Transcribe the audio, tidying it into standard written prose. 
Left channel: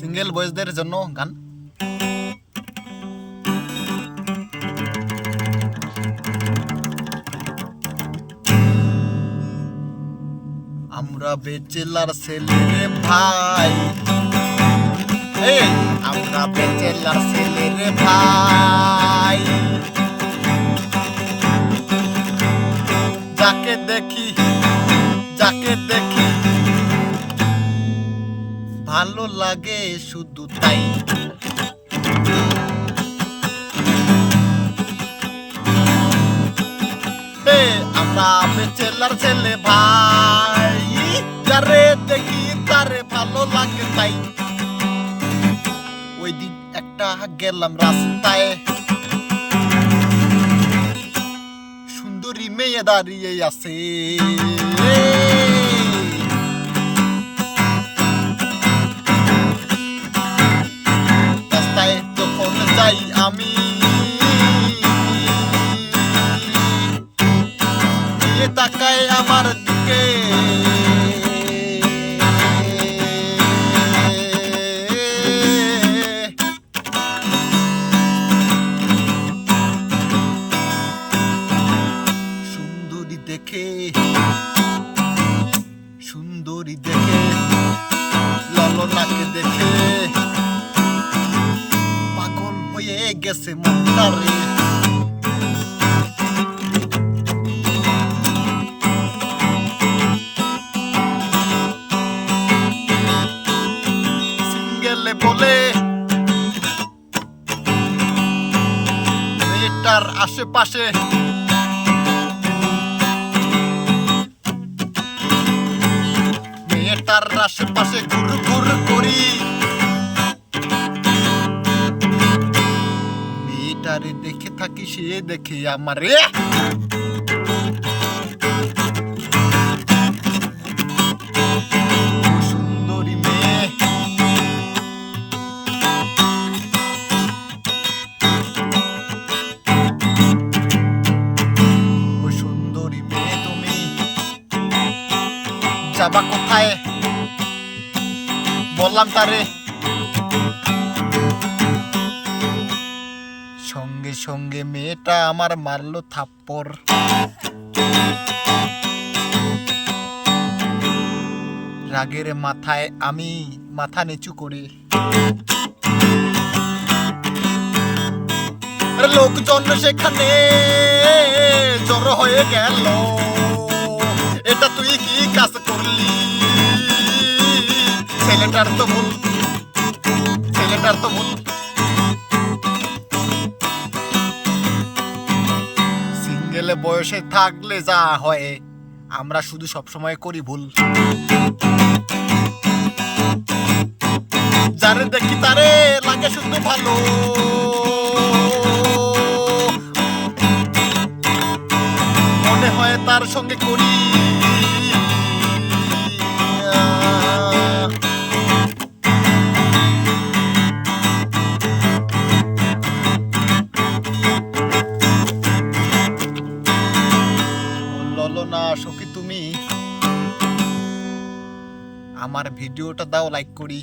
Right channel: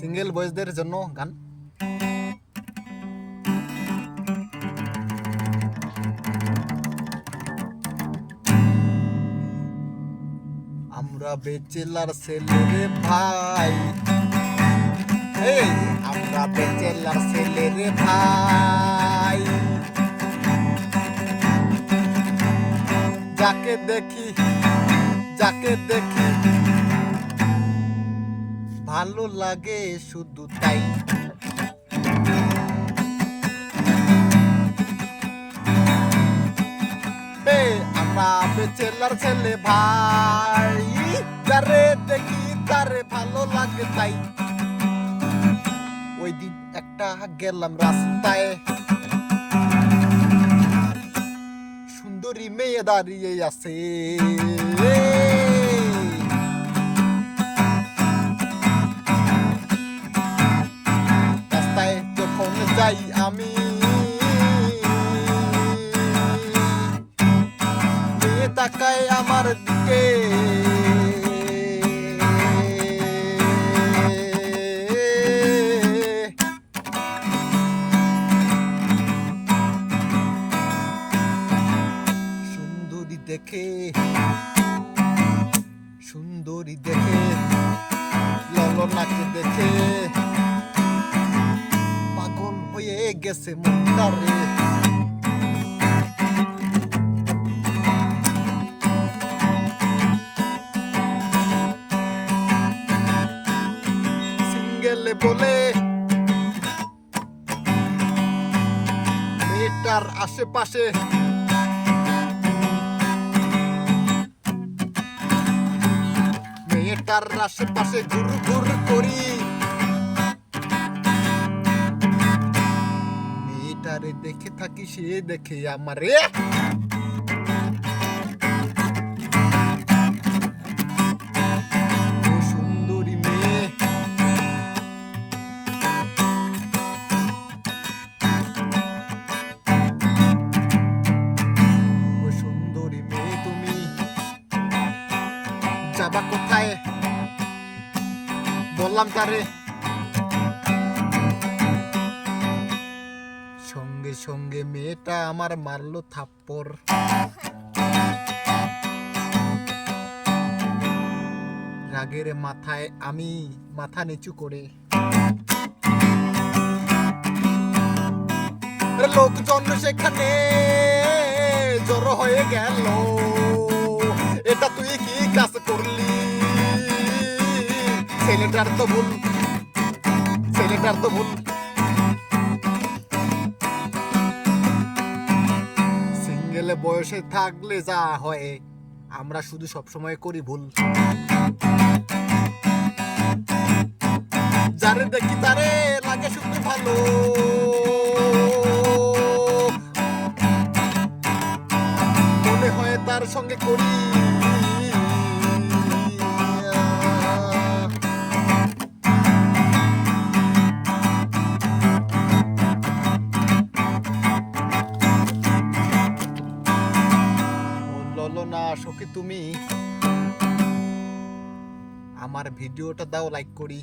Single বয়েজদের জন্য গান। আমরা বেচেলার ছেলে রে ভাই, এই আমরা বেচেলার ছেলে রে ভাই, যাকে দেখি ভালো লাগে শুধু তাই। আমরা বেচেলার ছেলে ভাই, যারে দেখি তারে ভালো লাগে তাই। ওই দিন একটা গেলাম রাস্তায়, সুন্দরী মেয়ে দাঁড়িয়ে আছে। রাস্তায় যখন যাই আমি, মেয়ে তাকায় আমার দিকে, সুন্দরী দেখে ললনাকে দেখে পাগল হয়ে গেছে মনটা রে। সিঙ্গেলে বলে মেয়েটার আশেপাশে মেয়েটার আশেপাশে ঘুর ঘুর করি, মেয়েটারে দেখে থাকি সে দেখে আমারে। সুন্দরী মেয়ে সুন্দরী মেয়ে তুমি যাবা কোথায় বললাম তারে। সঙ্গে সঙ্গে মেয়েটা আমার মারলো থাপ্পড়। রাগের মাথায় আমি মাথা নিচু করি। লোকজন সেখানে জড়ো হয়ে গেল, এটা তুই কি কাজ করলি? ছেলেটার তো ভুল। সিঙ্গেলে বয়সে থাকলে যা হয়, আমরা শুধু সবসময় করি ভুল। যারে দেখি তারে লাগে শুধু ভালো, মনে হয় তার সঙ্গে করি। না সখী তুমি আমার ভিডিওটা দাও লাইক করি।